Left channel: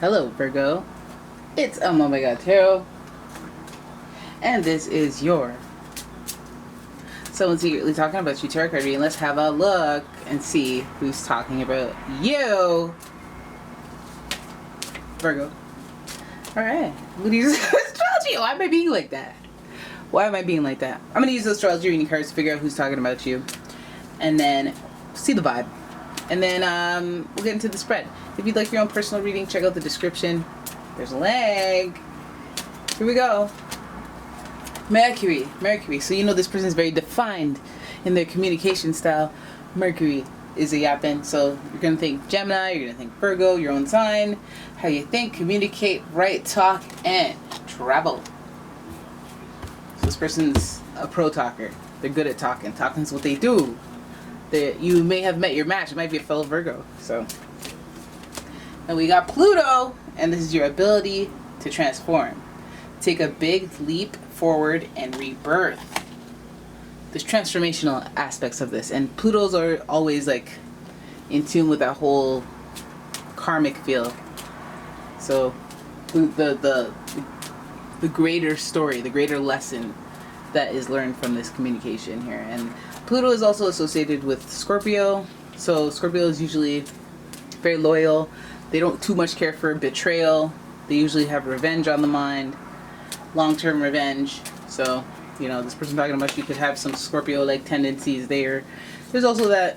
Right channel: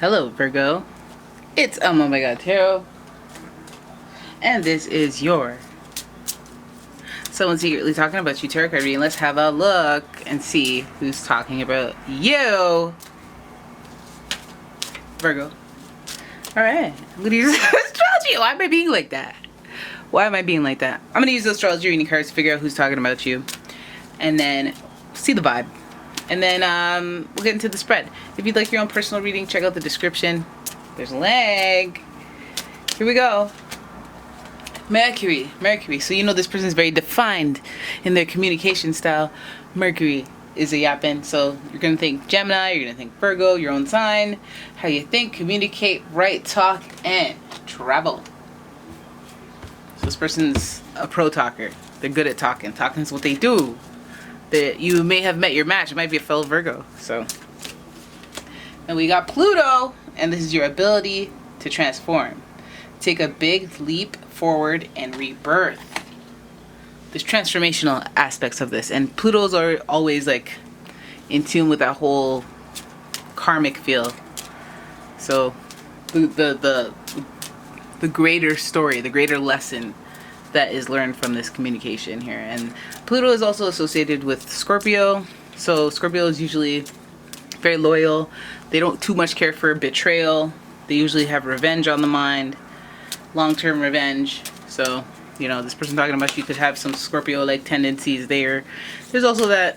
Hello, Virgo. It's umomgtarot, and this is your Someone Secretly Talking About You tarot card reading. Let's have a look and see who's talking about you, Virgo. All right, I'm gonna use astrology. Why am I being like that? I'm gonna use the astrology reading cards to figure out who's talking about you, and then see the vibe. And then we'll get into the spread. If you'd like your own personal reading, check out the description. There's a link. Here we go. Mercury. So you know this person is very defined in their communication style. Mercury is a yapping. So you're going to think Gemini, you're going to think Virgo, your own sign. How you think, communicate, write, talk, and travel. So this person's a pro talker. They're good at talking. Talking is what they do. That you may have met your match. It might be a fellow Virgo. So, and we got Pluto, and this is your ability to transform. Take a big leap forward and rebirth. There's transformational aspects of this, and Plutos are always like in tune with that whole karmic feel. So, the greater story, the greater lesson that is learned from this communication here. And Pluto is also associated with Scorpio. So Scorpio is usually very loyal. They don't too much care for betrayal. They usually have revenge on the mind, long-term revenge. So, you know, this person talking about you could have some Scorpio-like tendencies there. There's also that,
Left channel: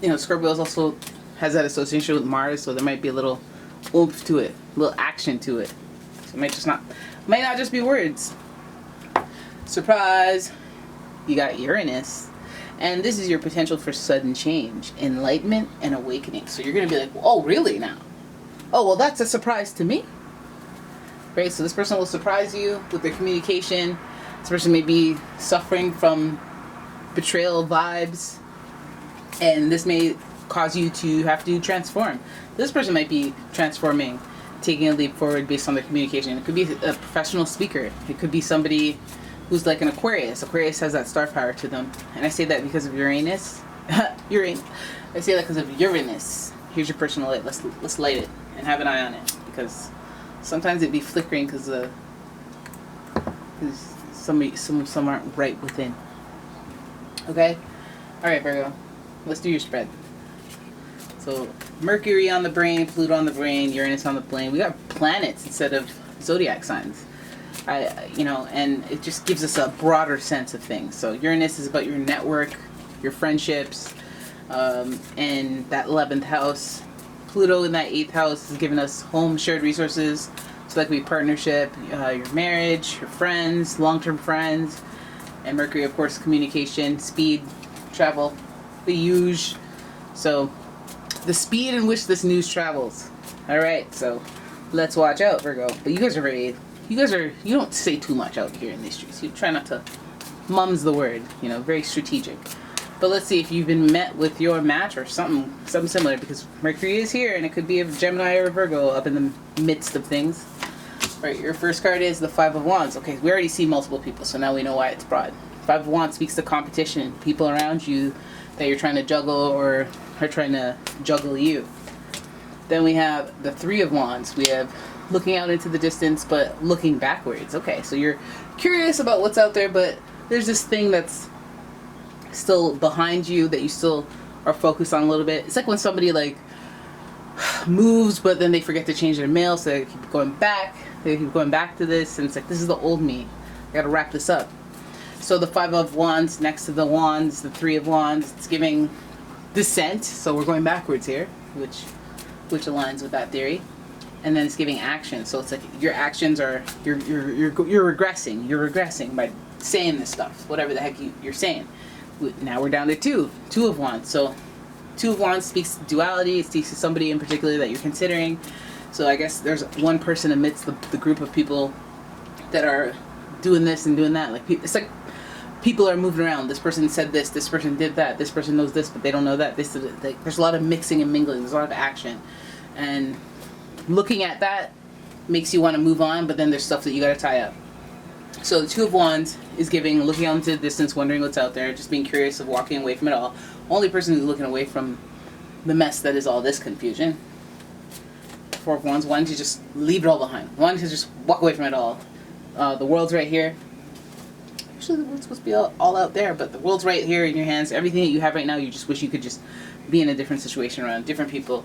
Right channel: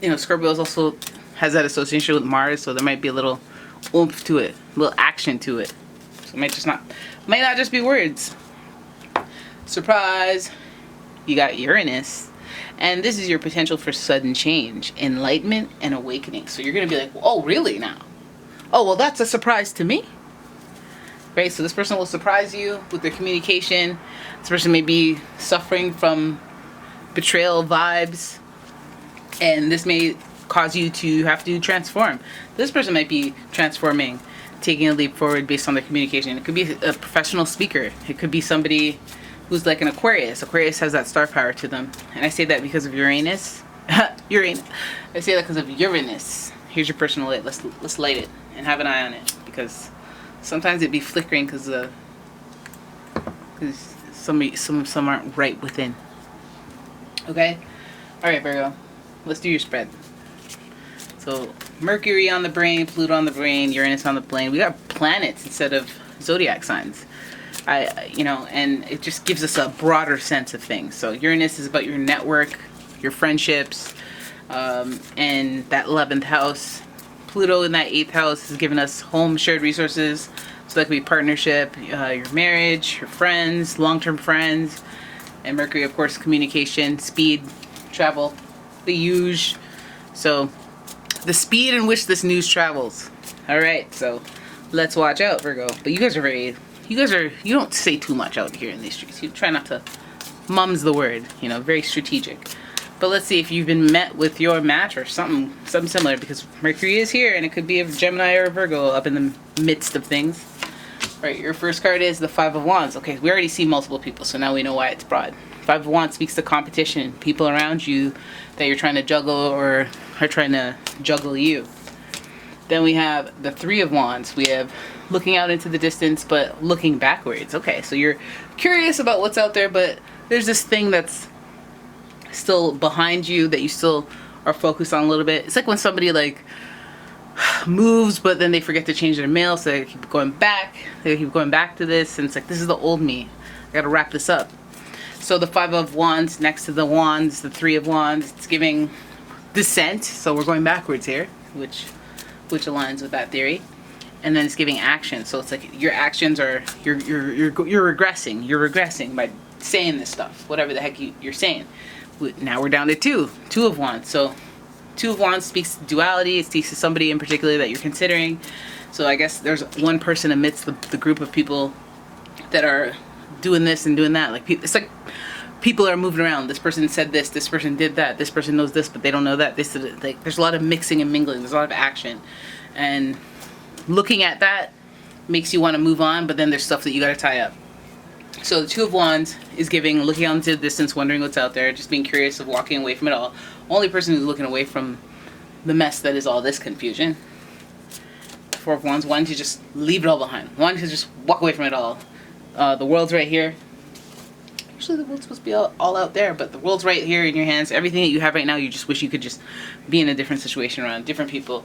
you know, Scorpio also has that association with Mars, so there might be a little oomph to it, a little action to it. So it might not just be words. Surprise! You got Uranus, and this is your potential for sudden change, enlightenment, and awakening. So you're gonna be like, oh, really now? Oh, well, that's a surprise to me. Right? So this person will surprise you with their communication. This person may be suffering from betrayal vibes, and this may cause you to have to transform. This person might be transforming, taking a leap forward based on their communication. It could be a professional speaker. It could be somebody who's like an Aquarius. Aquarius has that star power to them. And I say that because of Uranus. I say that because of Uranus. Here's your personal light. Let's light it and have an eye on it, because sometimes it'd be flickering because some aren't right within. Okay? Alright, Virgo. Let's do your spread. So Mercury on the brain, Pluto on the brain, Uranus on the brain. We got planets instead of zodiac signs. And it just gives us a broader sense of things. So Uranus is about your network, your friendships, and that 11th house. Pluto in that 8th house is giving us home, shared resources. So that could be partnership, your marriage, your friends, long-term friends. And Mercury, of course, communication, speed, travel, the huge. So the speed in which this news travels. All right, so let's watch out, Virgo. But you don't say too much out here in these streets. You try not to, mum's the word, very strategic. But let's see if you've been met with your match or something similar, because Mercury is here, and it could be a Gemini or a Virgo up in the midst of things. All right, your first card is the Five of Wands. Okay, we already see multiple people, so now we know why it's broad. Five of Wands speaks to competition, people around you that you're trying to juggle or are trying to juggle you. Then we have the Three of Wands. We have looking out into the distance, but looking backwards. Okay, so you're curious about what's out there, but there's this thing that's still behind you that you still are focused on a little bit. It's like when somebody moves, but then they forget to change their mail, so they keep going back. They keep going back to this, and it's like, this is the old me. I gotta wrap this up. So the Five of Wands next to the Wands, the Three of Wands, it's giving descent. So we're going backwards here, which aligns with that theory. And then it's giving action. So it's like your actions are, you're regressing. You're regressing by saying this stuff, whatever the heck you're saying. Now we're down to Two of Wands. So Two of Wands speaks to duality. It speaks to somebody in particular that you're considering. So I guess there's one person amidst the group of people that are doing this and doing that. It's like people are moving around. This person said this person did that, this person knows this, but they don't know that. There's a lot of mixing and mingling. There's a lot of action. And looking at that makes you want to move on, but then there's stuff that you got to tie up. So the Two of Wands is giving, looking out into the distance, wondering what's out there, just being curious of walking away from it all. Only person who's looking away from the mess that is all this confusion. Four of Wands, wanting to just leave it all behind, wanting to just walk away from it all. The World's right here. Actually, the World's supposed to be all out there, but the World's right here in your hands. Everything that you have right now, you just wish you could just be in a different situation around different people.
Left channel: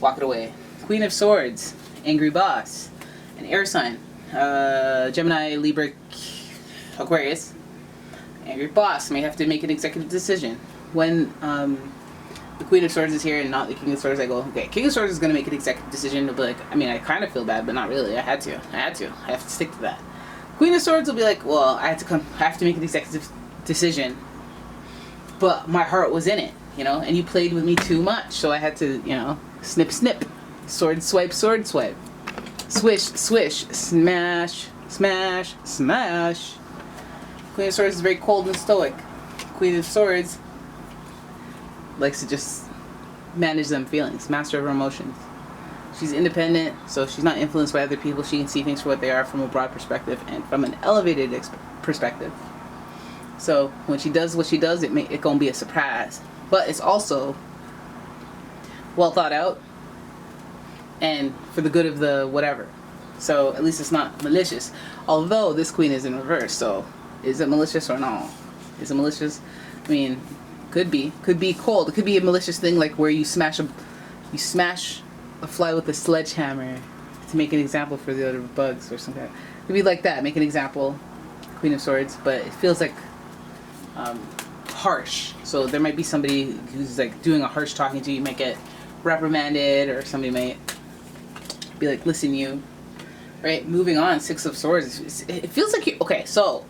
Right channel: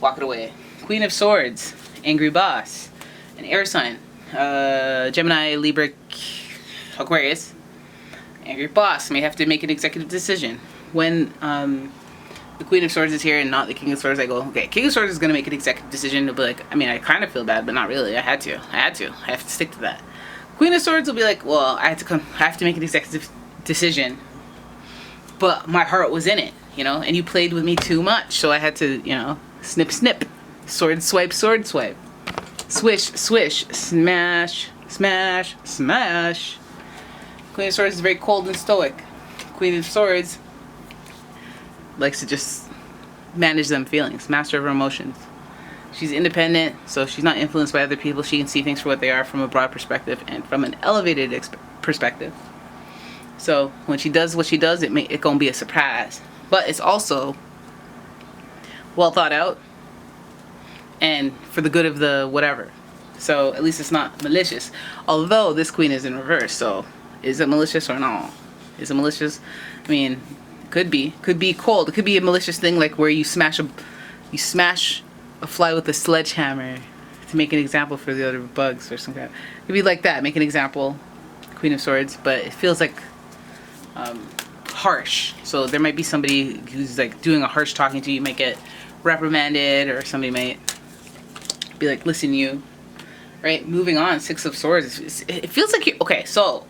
Walk it away. Queen of Swords, angry boss, an air sign, Gemini, Libra, Aquarius. Angry boss may have to make an executive decision. When the Queen of Swords is here and not the King of Swords, I go, okay, King of Swords is going to make an executive decision. They'll be like, I mean, I kind of feel bad, but not really. I have to stick to that. Queen of Swords will be like, well, I have to make an executive decision, but my heart was in it, you know, and you played with me too much, so I had to, you know, snip, snip, sword swipe, swish, swish, smash, smash, smash. Queen of Swords is very cold and stoic. Queen of Swords likes to just manage them feelings, master of her emotions. She's independent, so she's not influenced by other people. She can see things for what they are from a broad perspective and from an elevated perspective. So when she does what she does, it gonna be a surprise. But it's also well thought out and for the good of the whatever. So at least it's not malicious. Although this queen is in reverse, so is it malicious or no? Is it malicious? I mean, could be cold. It could be a malicious thing like where you smash a fly with a sledgehammer to make an example for the other bugs or something. It could be like that. Make an example, Queen of Swords, but it feels like harsh. So there might be somebody who's like doing a harsh talking to you. You might get reprimanded, or somebody might be like, listen, you. Right? Moving on, Six of Swords. It feels like you. Okay, so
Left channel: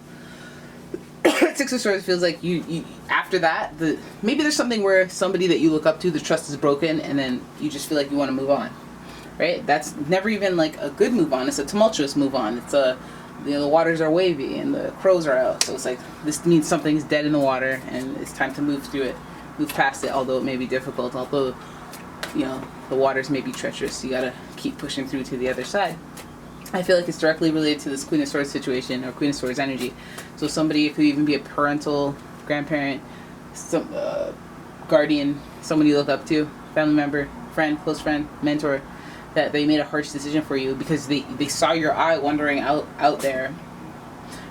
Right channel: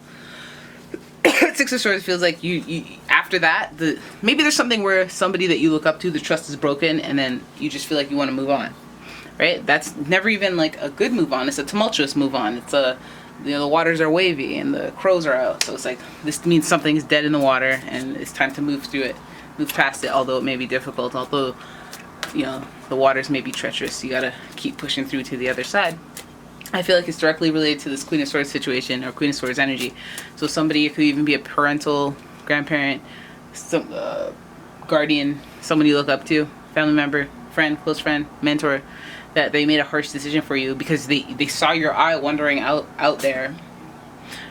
Six of Swords feels like you after that, maybe there's something where somebody that you look up to, the trust is broken, and then you just feel like you want to move on, right? That's never even like a good move on. It's a tumultuous move on. It's the waters are wavy and the crows are out. So it's like, this means something's dead in the water and it's time to move through it, move past it, although it may be difficult, although, you know, the waters may be treacherous. You gotta keep pushing through to the other side. I feel like it's directly related to this Queen of Swords situation, or Queen of Swords energy. So somebody, it could even be a parental, grandparent, some guardian, somebody you look up to, family member, friend, close friend, mentor, that they made a harsh decision for you because they saw your eye wandering out there,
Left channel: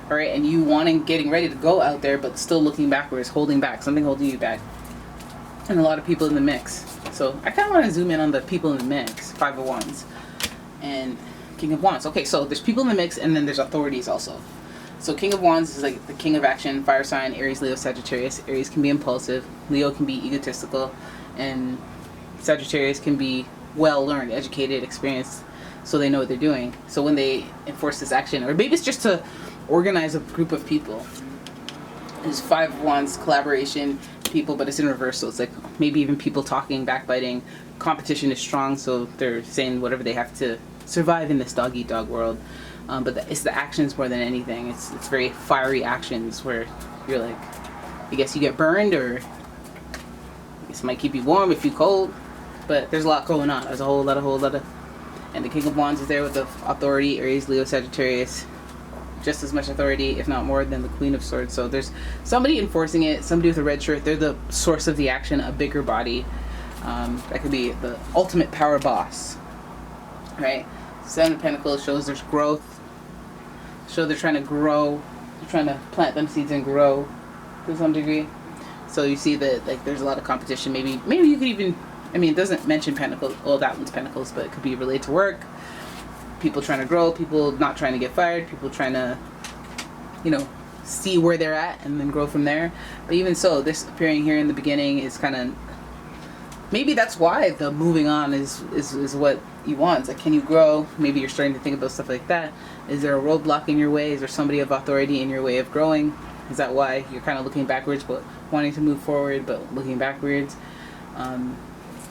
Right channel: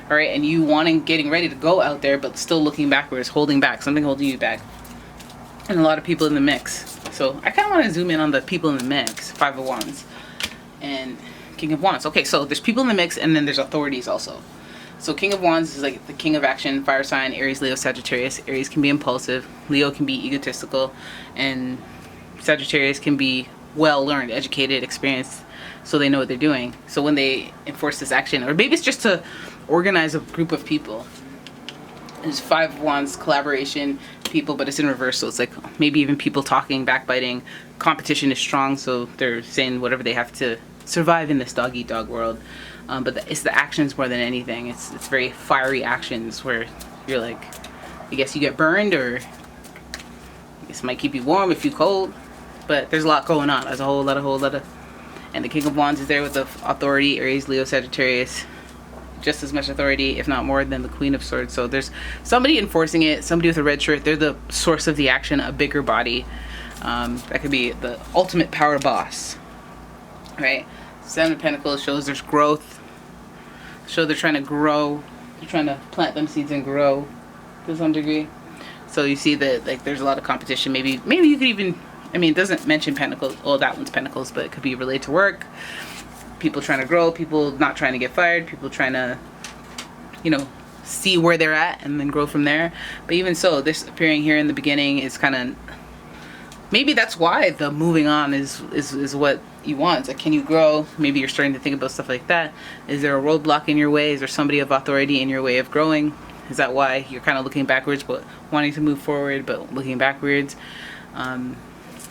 all right, and you getting ready to go out there, but still looking backwards, holding back, something holding you back, and a lot of people in the mix. So I kind of want to zoom in on the people in the mix. Five of Wands and King of Wands. Okay, so there's people in the mix, and then there's authorities also. So King of Wands is like the king of action, fire sign, Aries, Leo, Sagittarius. Aries can be impulsive, Leo can be egotistical, and Sagittarius can be well learned, educated, experienced, so they know what they're doing. So when they enforce this action, or maybe it's just to organize a group of people. There's Five of Wands, collaboration, people, but it's in reverse, so it's like maybe even people talking, backbiting. Competition is strong, so they're saying whatever they have to survive in this dog-eat-dog world. But it's the actions more than anything. It's very fiery actions where you're like, I guess you get burned, or I guess it might keep you warm if you're cold. But there's a lot going on. There's a whole lot of. And the King of Wands is there with the authority, Aries, Leo, Sagittarius. Just as much authority, if not more, than the Queen of Swords. So there's somebody enforcing it, somebody with a red shirt. They're the source of the action, a bigger body. That could be the ultimate power boss. Right? Seven of Pentacles shows there's growth. So they're trying to grow. They're trying to plant them seeds and grow to some degree. So you see that like there's a lot of competition. Maybe you could even, I mean, it doesn't mention Pentacles. Well, that one's Pentacles, but it could be related to work. People trying to grow, people not trying to get fired, people trying to, you know, see where they're at and then grow from there. But even so, this appearing here in the beginning is kind of, maybe that's why the moving on is what you want. Like, can you grow? Maybe you're starting to think about stuff like that. Is there a roadblock in your way? Is there somebody of authority in your way of growing? Is that why you're kind of looking backwards but wanting to move forward but looking backwards? I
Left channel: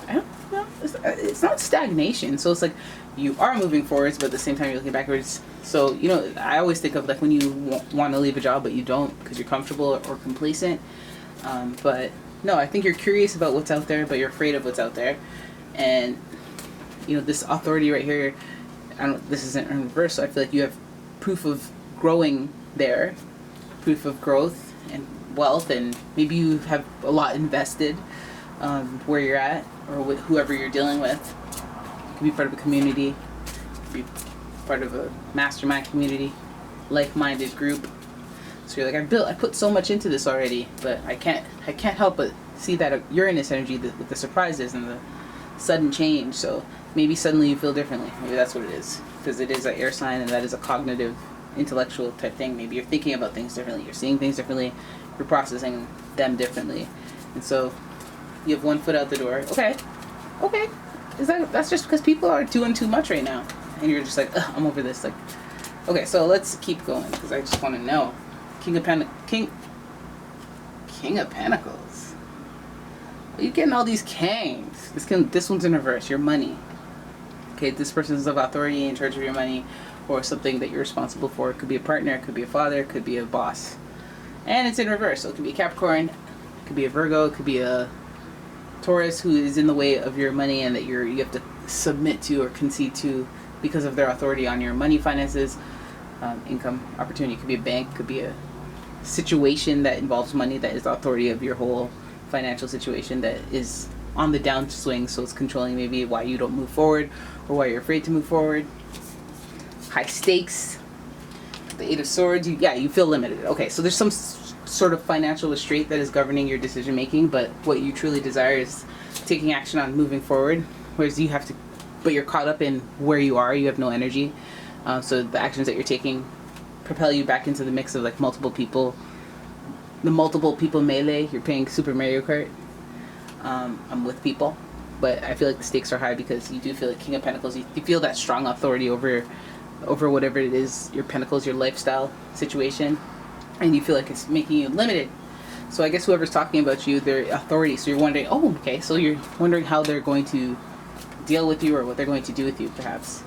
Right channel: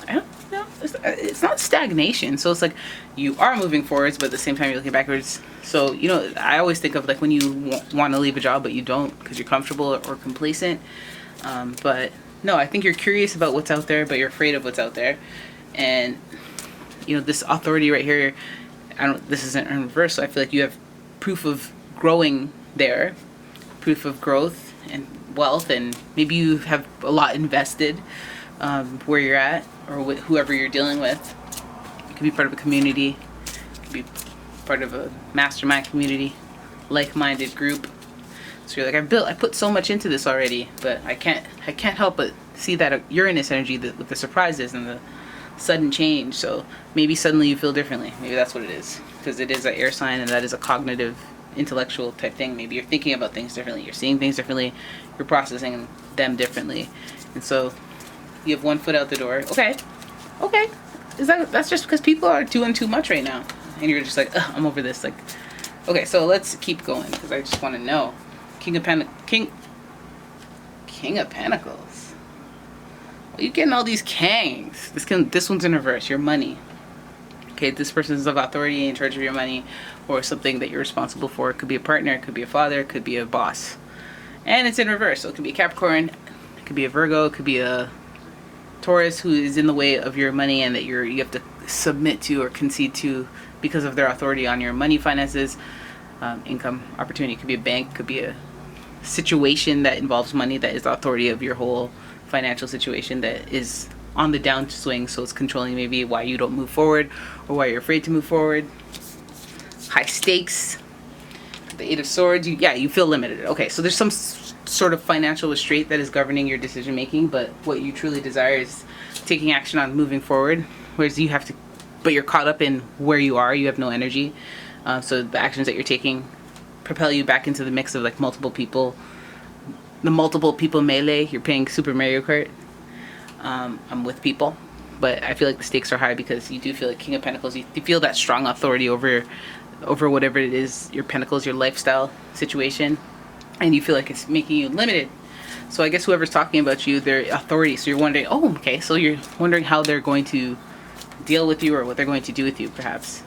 don't know. It's not stagnation. So it's like you are moving forwards, but at the same time you're looking backwards. So, you know, I always think of like when you want to leave a job but you don't because you're comfortable or complacent. But no, I think you're curious about what's out there, but you're afraid of what's out there. And, you know, this authority right here, this isn't in reverse, so I feel like you have proof of growing there, proof of growth and wealth, and maybe you have a lot invested where you're at or with whoever you're dealing with. You could be part of a community. It could be part of a mastermind community, like-minded group. So you're like, I put so much into this already, but I can't help but see that Uranus energy, the surprises and the sudden change. So maybe suddenly you feel differently. Maybe that's what it is, because it is an air sign, and that is a cognitive, intellectual type thing. Maybe you're thinking about things differently, you're seeing things differently, you're processing them differently, and so you have one foot out the door. Okay, that's just because people are doing too much right now, and you're just like, ugh, I'm over this. Like, okay, so let's keep going, because I just want to know. King of Pentacles. Are you getting all these kings? This one's in reverse. Your money. Okay, this person is of authority in charge of your money, or something that you're responsible for. It could be a partner, it could be a father, it could be a boss. And it's in reverse, so it could be a Capricorn, it could be a Virgo, it could be a Taurus who is in the way of your money and that you have to submit to or concede to because of their authority on your money, finances, income, opportunity. It could be a bank, it could be a situation that involves money that is the authority of your whole financial situation, that is on the downswing, so it's controlling maybe why you don't move forward or why you're afraid to move forward. High stakes. The Eight of Swords, you feel limited. Okay, so there's some sort of financial restraint that is governing your decision making, but what you truly desire is taking action on moving forward, whereas but you're caught up in where you are, you have no energy. So the actions that you're taking propel you back into the mix of like multiple people. The multiple people melee, you're playing Super Mario Kart. I'm with people, but I feel like the stakes are high because you do feel like King of Pentacles, you feel that strong authority over whatever it is, your pentacles, your lifestyle situation, and you feel like it's making you limited. So I guess whoever's talking about you, their authority, so you're wondering, so you're wondering how they're going to deal with you or what they're going to do with you, perhaps.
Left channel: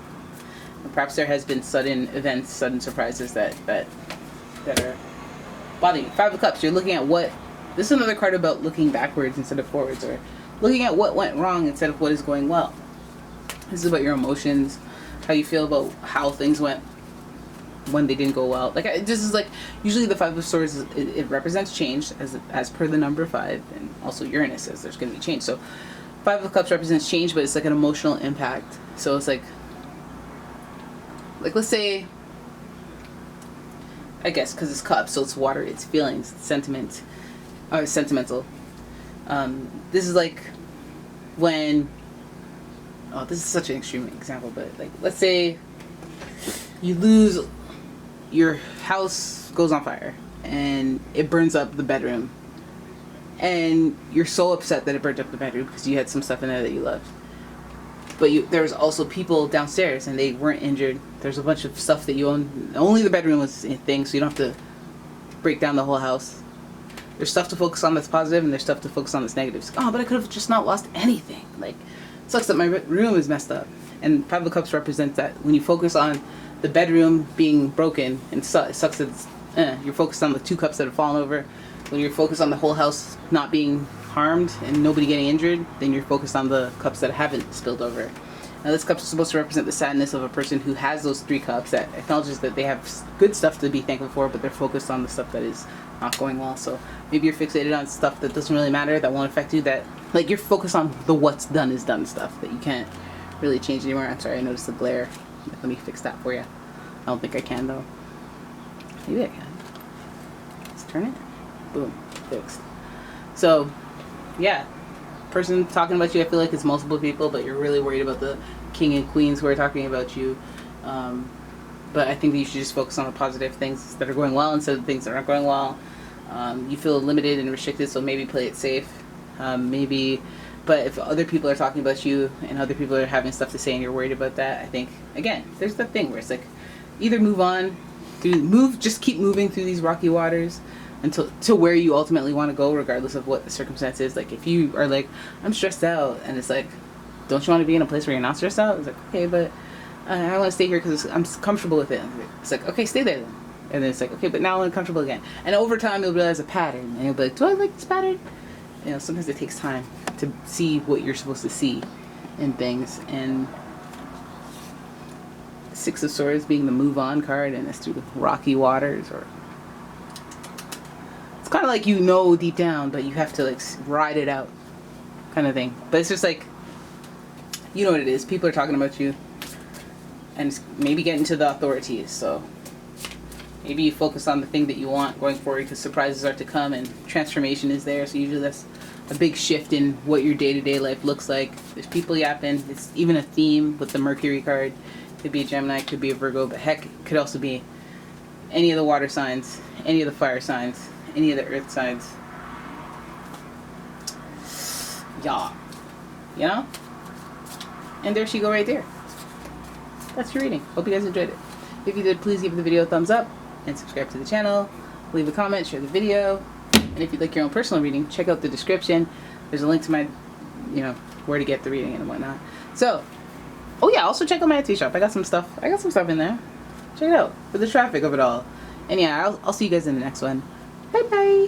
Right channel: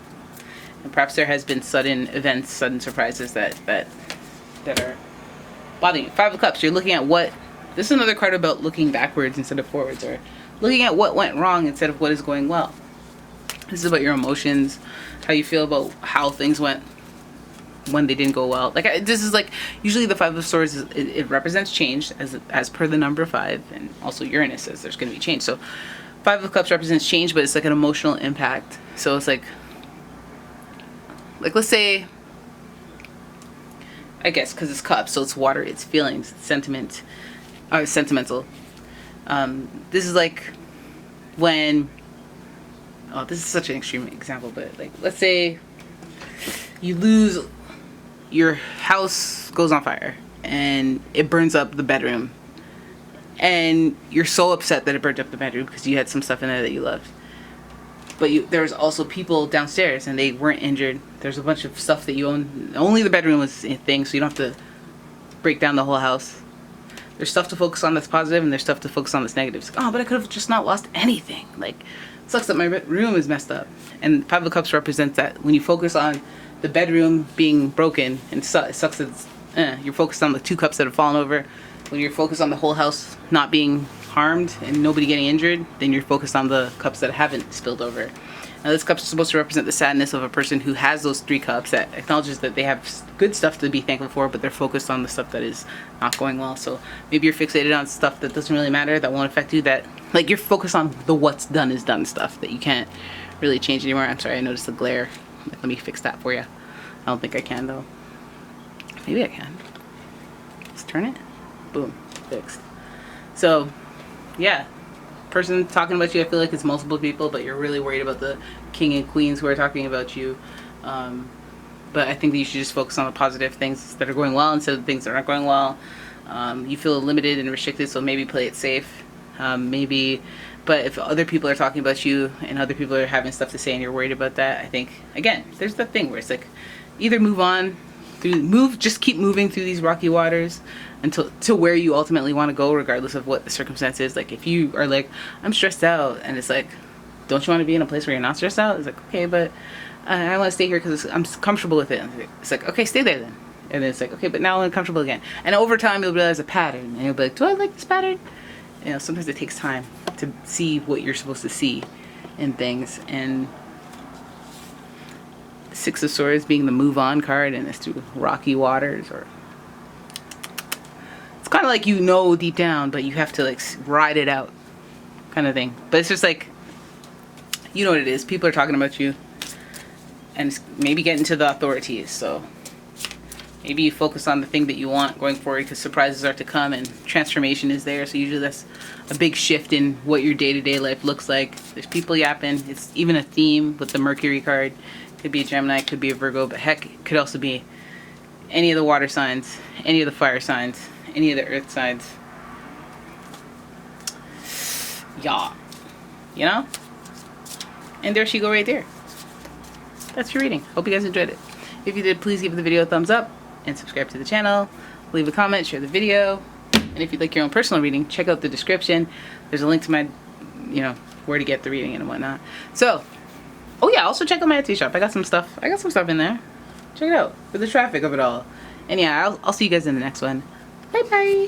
And perhaps there has been sudden events, sudden surprises that are bothering you. Five of Cups, you're looking at this is another card about looking backwards instead of forwards, or looking at what went wrong instead of what is going well. This is about your emotions, how you feel about how things went when they didn't go well. Like, this is like, usually the Five of Swords, it represents change as per the number 5, and also Uranus says there's going to be change. So Five of Cups represents change, but it's like an emotional impact. So it's like let's say, I guess because it's cups, so it's water, it's feelings, it's sentimental. This is like when, this is such an extreme example, but like, let's say your house goes on fire and it burns up the bedroom, and you're so upset that it burned up the bedroom because you had some stuff in there that you loved. But there's also people downstairs and they weren't injured. There's a bunch of stuff that you own. Only the bedroom was a thing, so you don't have to break down the whole house. There's stuff to focus on that's positive, and there's stuff to focus on that's negative. Like, but I could have just not lost anything. Like, it sucks that my room is messed up. And Five of Cups represents that. When you focus on the bedroom being broken, and it sucks that you're focused on the 2 cups that have fallen over. When you're focused on the whole house not being harmed and nobody getting injured, then you're focused on the cups that haven't spilled over. Now, this cup is supposed to represent the sadness of a person who has those 3 cups, that acknowledges that they have good stuff to be thankful for, but they're focused on the stuff that is not going well. So maybe you're fixated on stuff that doesn't really matter, that won't affect you, that like you're focused on the what's done is done stuff that you can't really change anymore. I'm sorry, I noticed the glare. Let me fix that for you. I don't think I can though. Maybe I can. Let's turn it. Boom. Fixed. So yeah, person talking about you, I feel like it's multiple people, but you're really worried about the king and queens who are talking about you. But I think that you should just focus on the positive things that are going well instead of the things that aren't going well. You feel limited and restricted, so maybe play it safe. But if other people are talking about you and other people are having stuff to say and you're worried about that, I think, again, there's the thing where it's like, either just keep moving through these rocky waters until to where you ultimately want to go, regardless of what the circumstance is. Like, if you are like, I'm stressed out, and it's like, don't you want to be in a place where you're not stressed out? It's like, okay, but I want to stay here because I'm comfortable with it. It's like, okay, stay there then. And then it's like, okay, but now I'm uncomfortable again. And over time, you'll realize a pattern, and you'll be like, do I like this pattern? You know, sometimes it takes time to see what you're supposed to see in things. And Six of Swords being the move on card, and it's through rocky waters, or it's kind of like, you know, deep down, but you have to like ride it out kind of thing. But it's just like, you know what it is. People are talking about you. And it's maybe getting to the authorities. So maybe you focus on the thing that you want going forward, because surprises are to come and transformation is there. So usually that's a big shift in what your day-to-day life looks like. There's people yapping. It's even a theme with the Mercury card. Could be a Gemini, could be a Virgo, but heck, it could also be any of the water signs, any of the fire signs, any of the earth signs. Yeah. You know? And there she go right there. That's your reading. Hope you guys enjoyed it. If you did, please give the video a thumbs up and subscribe to the channel. Leave a comment, share the video. And if you'd like your own personal reading, check out the description. There's a link to my, where to get the reading and whatnot. So, oh yeah, also check out my Etsy shop. I got some stuff in there. Check it out for the traffic of it all. And yeah, I'll see you guys in the next one. Bye bye.